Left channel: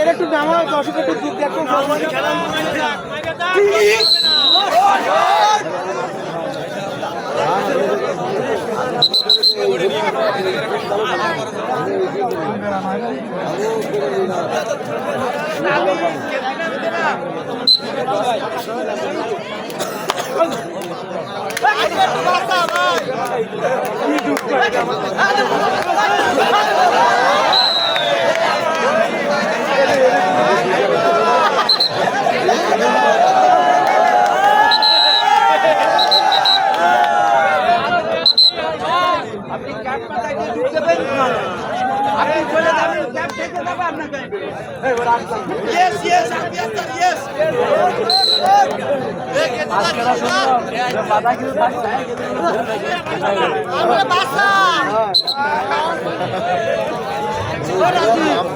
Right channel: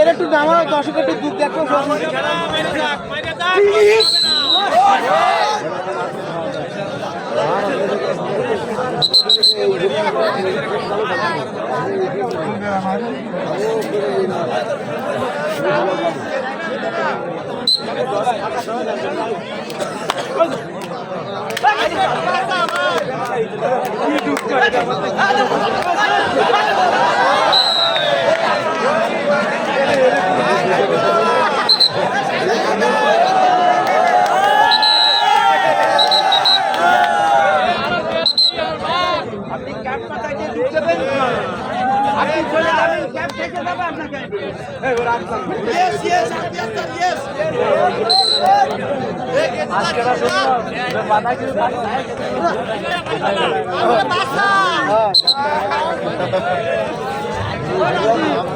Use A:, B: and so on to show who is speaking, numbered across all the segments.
A: এর একটু নামা দর্শক একটু গীত দেখো Hadi bakalım.
B: আপনি ক্যাব পাতায় ঢুকতে দেবেন আপনি চলে যাবেন ক্যাব থেকে যাবে আপনাকে। আপনি.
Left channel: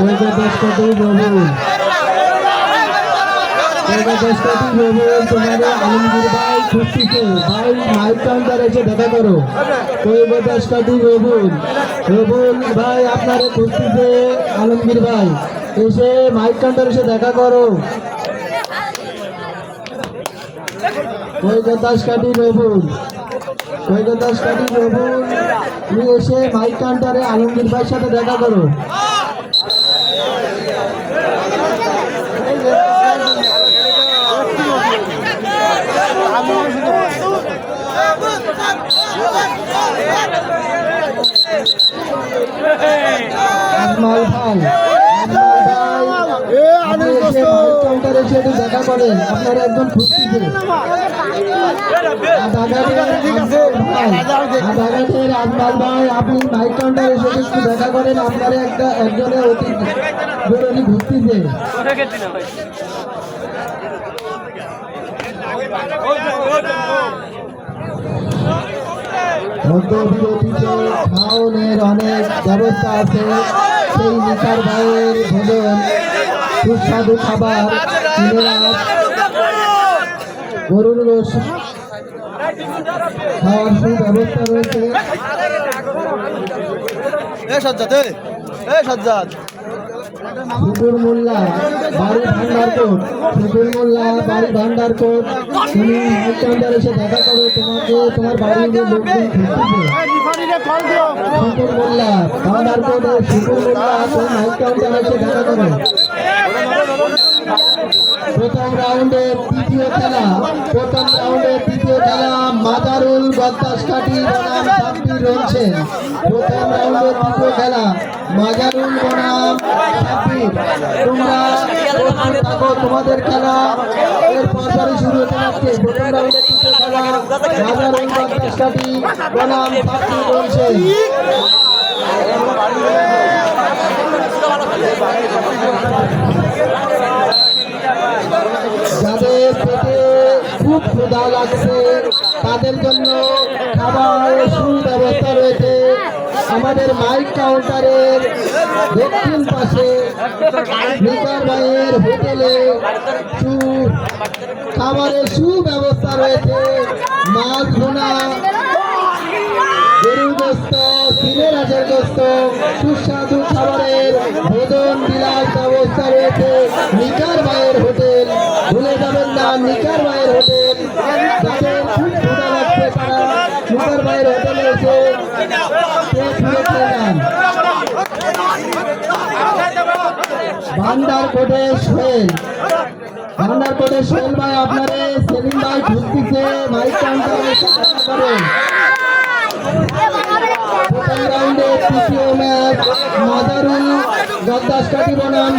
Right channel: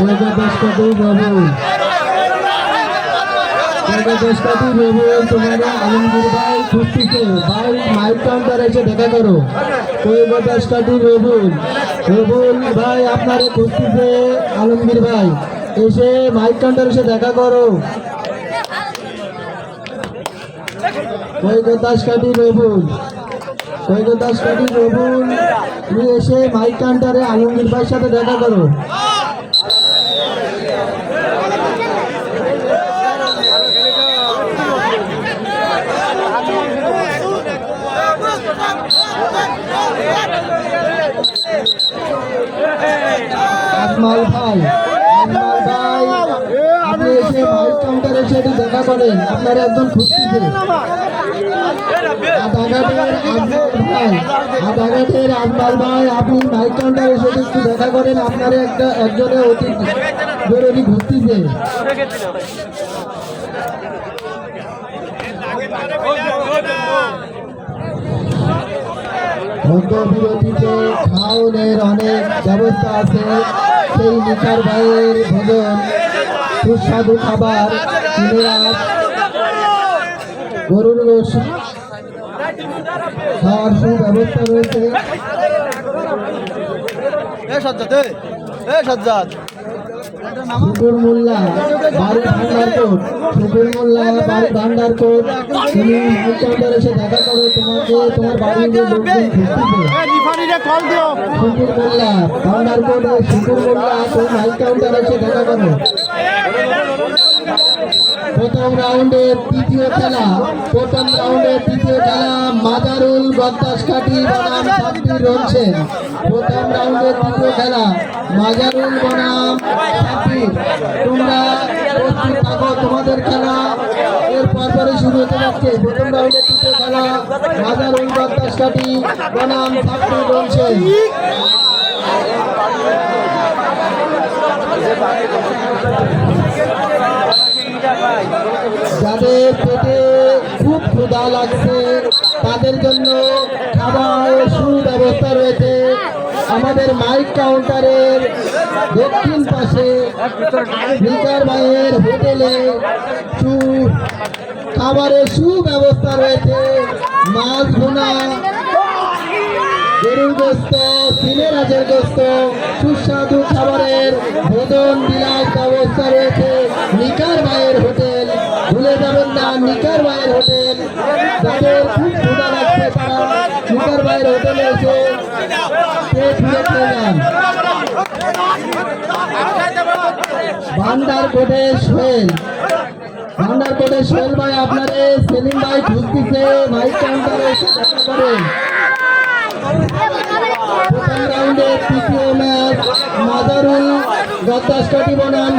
C: বাবু বাবু তোমার আলমগীর ভাই এসে দেখা করো তো দেশটাতেই বাবুল বাবুল ভাই আপনারে আলমগীর ভাই এসে মাইক এসে দেখা করো কৈকতাস কাটি রবুল কৈকতাস কাটি রবুল তুমি এসে মাইক আলমগীর ভাইয়ের সাথে দেখা করো আজমাল ভাই আপনি এসে কাউন্টারে এসে একটু দেখা করেন। আপনার একজন আদালতের আজমাল ভাই আপনি মাইক কাউন্টারে এসে একটু দেখা করেন। আপনার একটা একজনে অতি জরুরি ঘুরতেছে মধ্যবিরতিতে খাওনের অনেক ব্যবস্থা আছে। সেই নিকার ভাইয়ের ভোজন, সুস্বাদু খাবার কিনেরাত গরুর গোশ খাওয়ার সুব্যবস্থা রয়েছে। সুবুল মোল্লা বাড়ি ভান্ডারকোট সুবুল মোল্লা বাড়ি ভান্ডারকোট তুমি কাউন্টার এসে দেখা করো, তোমাকে, তোমার বাড়ির লোকজন সুবুল মোল্লা ভান্ডারকোট সুবুল মোল্লা তুমি মাইক কাউন্টার এসে দেখা করো। প্রথম রাউন্ডের তৃতীয় খেলা, প্রথম রাউন্ডের তৃতীয় খেলা, মাদারুল বদ্দাস কাটি বনাম সাব্বির রয়েছেন প্রথম রাউন্ডের তৃতীয় খেলা। মাজারুল বনাম সাকিব তোমরা প্রস্তুত থাকো, তোমাদের খেলা এর পরপরই শুরু হতে যাচ্ছে। প্রথম রাউন্ডের তৃতীয় খেলা, মাজারুল বনাম সাকিব রয়েছেন রিজার ভাইয়ের হোটেলে সু খাবারের সুব্যবস্থা রয়েছে। মাছ ভুনা গরুর গোস্ত সিনেরাজের গোস্ত সুস্বাদু ভান্ডার কোটে সোহেল ভান্ডার কোটে সোহেল ভাই আপনারে সেলিম ভাই খুঁজতেছে মাইক কাউন্টারে করেন। প্রথম তৃতীয় মাদারুল গদ্দাস কাটি বনাম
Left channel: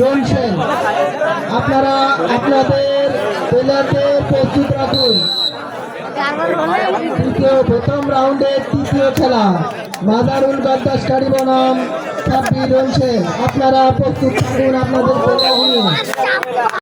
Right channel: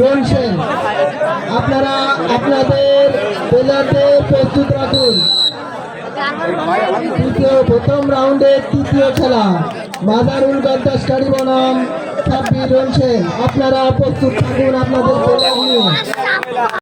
C: রনসেন আপনারা আপনাদের প্লেয়ারদের প্রস্তুত রাখুন। তৃতীয় খেলা মাদারুল গদ্দাসকারী বনাম আপনারা প্রস্তুত থাকুন আপনাদের